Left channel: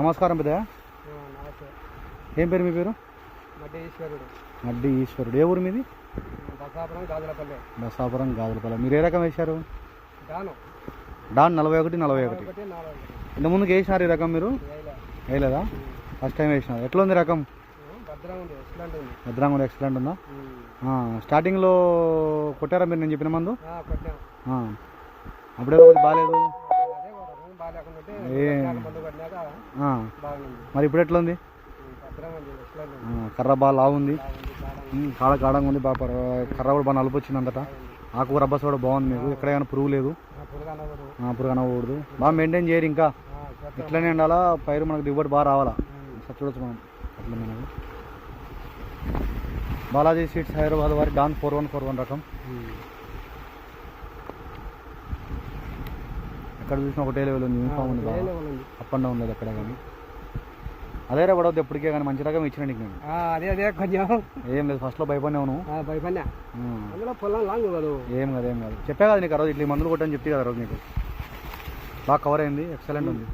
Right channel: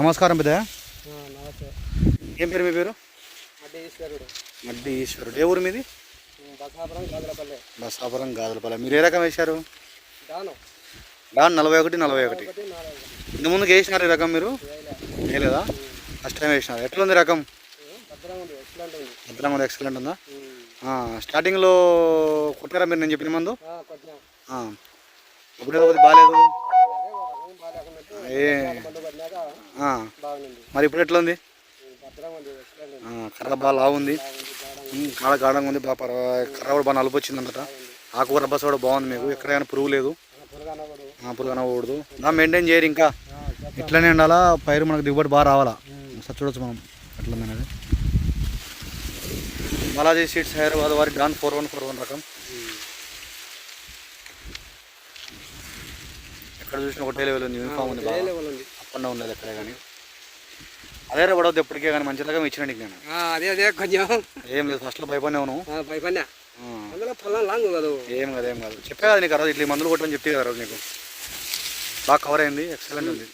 నమస్కారం పెద్దయ్య. నమస్తే. ఏం పేరు మీ పేరు? మడ్డి ఈశ్వరుడు. మడ్డి ఈశ్వరుడు. ఏ ఊరు మీది? బసాపురం గాజులపల్లె. బసాపురం గాజులపల్లె. మీరు ఏ రకం వేశారు? డాను డాన్ 41. ఇంతకుముందుకు వేసినారు ఈ రకం మీరు? వేయలేదా? ఫస్ట్ టైం వేసినారు. ఎట్లా ఉంది రకం? భద్రంగా ఉంది. ఎక్సలెంట్ ఉందా? స్టార్టింగ్లో కొట్టారా మీరు నేను చెప్పిన మందు? అప్పుడే కొద్దిగా బాగాలేదు. మరి ఇప్పుడు ఎట్లా ఉంది? కర్ర బాగా లావుంది, కాడ గాఢంగా ఉంది, బాగా కర్ర కూడా బాగా నలుపు వచ్చింది అంతటా. ఆకు రబ్బస్ కూడా బాగుంది. మీకు ఎక్కడైనా పురుగు లేదు, పురుగు అనకూడదు. బాగా మెయింటైన్ చేయరు, ఇంకా ఇట్లనే ఉండాలా. పైరు మనకు దిగుబడి బాగా రావాలా. సార్ చూడొచ్చు మనం ఎట్లా అనేది. బాలాజీ సీడ్స్ హైదరాబాద్ వారి డాన్ 4141 రకం. ఎక్కడ చూసినా ఒకటే లెవెల్ ఉంది, యూనిఫామ్ ఉంది, అప్ అండ్ డౌన్ లేదు ఎక్కడ కానీ. అదే పడవద్దు ఎప్పటికే కానీ, మంచి రకం ఇచ్చిన నీకు నేను. అదే కొంచెం ఏం లేదు, ఫస్ట్లో భయపడినావు. ఏం కాదు. చెప్పా కదా నీకు ఆ రోజు ఇట్లా మందులు కొట్టని చెప్తే కదా రోజు నీకు. బాగా కవర్ అయింది, ఎక్సలెంట్ ఉంది.